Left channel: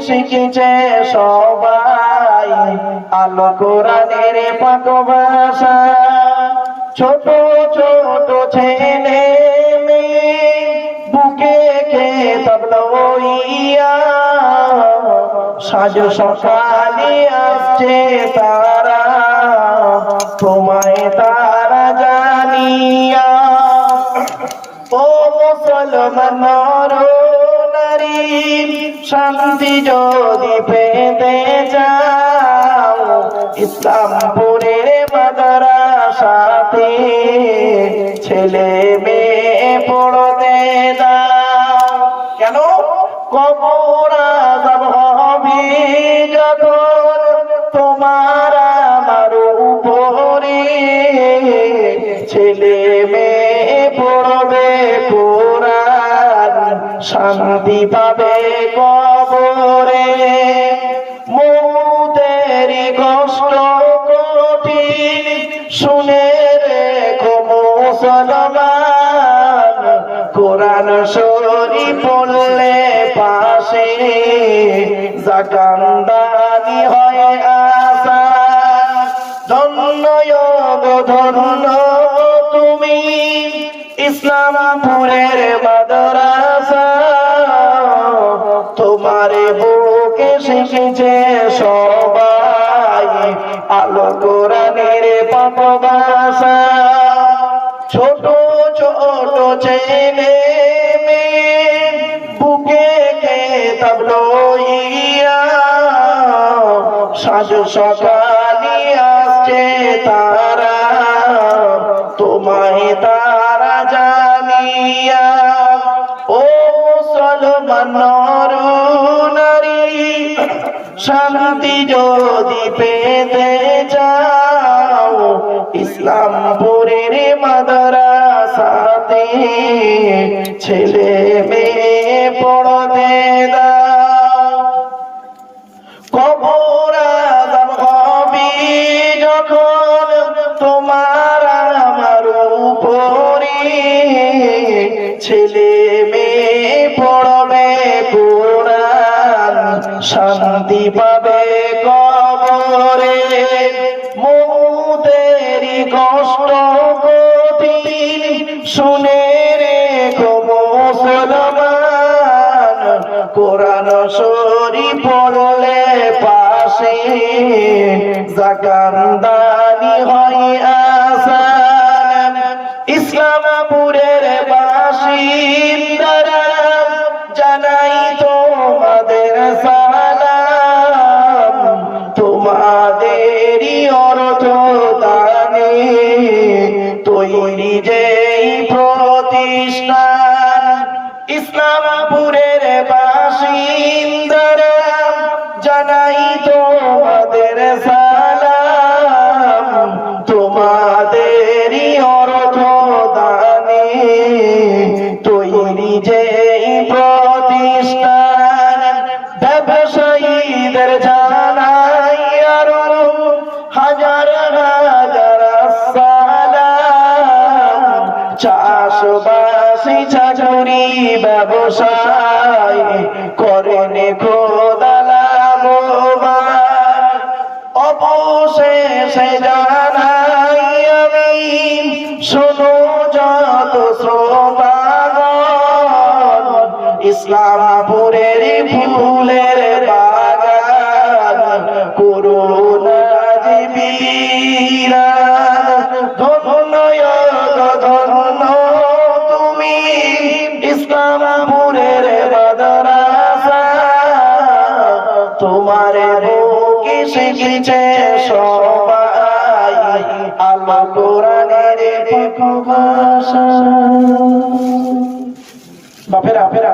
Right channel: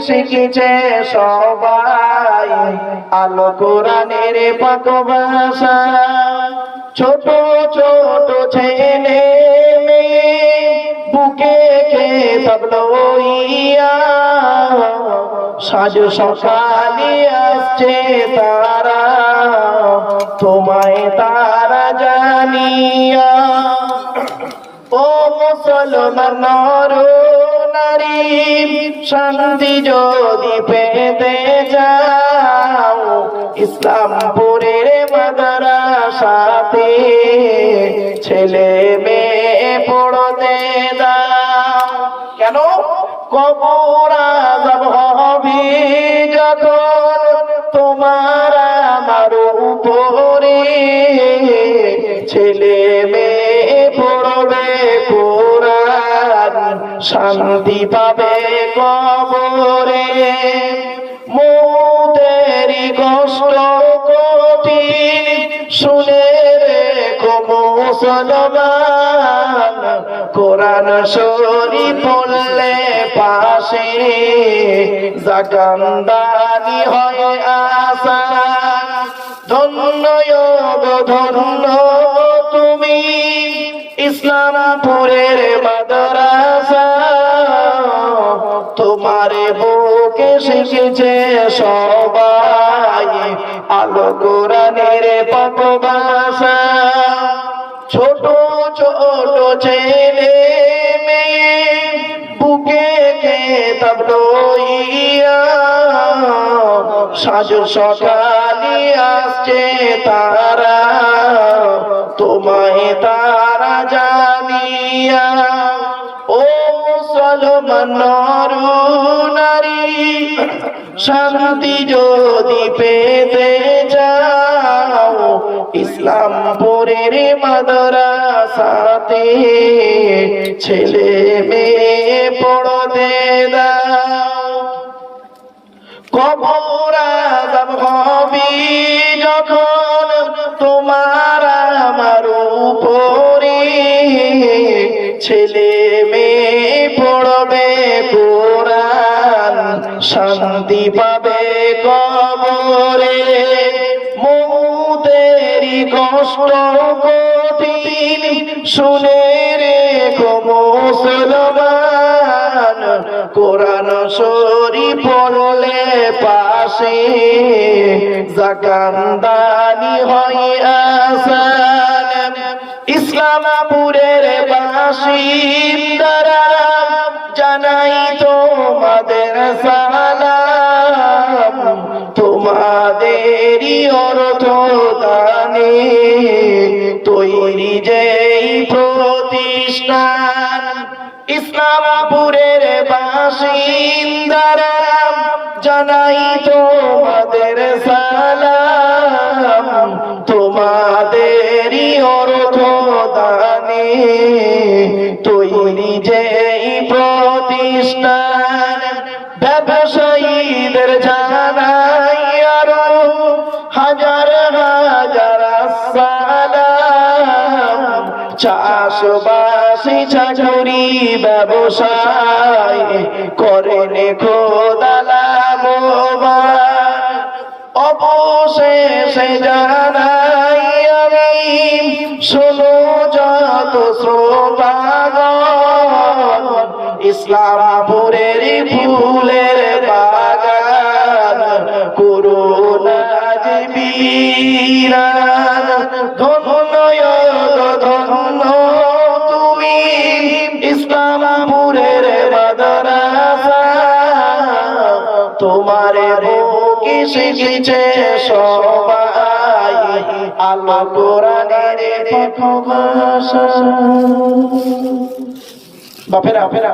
শিখেছে সবাই আলো কোরআনের পাক ভাষা ছোট ছোট ছেলে বুকে কে তবলইয়া সাজ সকালে আসছে তারা, তোমায় তারা জানিয়া, ও মুসলমান শান্তি যদি পেতে যাও ইসলামপুরের মাদ্রাসাতে ছেলে মেয়ে পড়তে কেন? কবর হবে যখন তোমার আমার উপরে। ছেলে মেয়ে শান্তি পাবে কবরে। মৌতেরি কষ্ট কঠিন, শুনে রেখো মুসলমান। কোরআন শরীফ পড়লে পাশে জাকান্দানি হয় আসা ধন্য ধন্য, তুমি ইসলামপুরের তোমারে বুকে শিখেছে সবাই। আলো কোরআনের ভাষা ছোট ছোট ছেলে বুকে কে তাবলইয়া সাজ সকালি আসছে তারা, তোমায় তারা জানিয়া। ও মুসলমান যদি পেতে যাও ইসলামপুরের মাদ্রাসাতে ছেলে মেয়ে পড়তে যখন তোমার আমার ছেলে শান্তি পাবে কবরে মৌতেরি কষ্ট কঠিন শুনে রেখো মুসলমান। কোরআন শরীফ পড়লে পাশে জাকান্দানি হয় আসান। ইসলামপুরের বাসিন্দারা জানাই তোমাদের জানাই তোমাদের সালাম, তোমাদেরই অর্থ দানে তৈরি যেই প্রতিষ্ঠান, ব্যবসায়ীদের জানাই আরও হাজার হাজার চাষবাসী, চাকরি, ব্যবসায়, করেন খোদালাম অবশেষে জানাই আমি শোনো যত শ্রোতাগণ ইসলামপুরের শিখেছে সবাই আল্লাহ কোরআনের বাপেরা বাপেরা।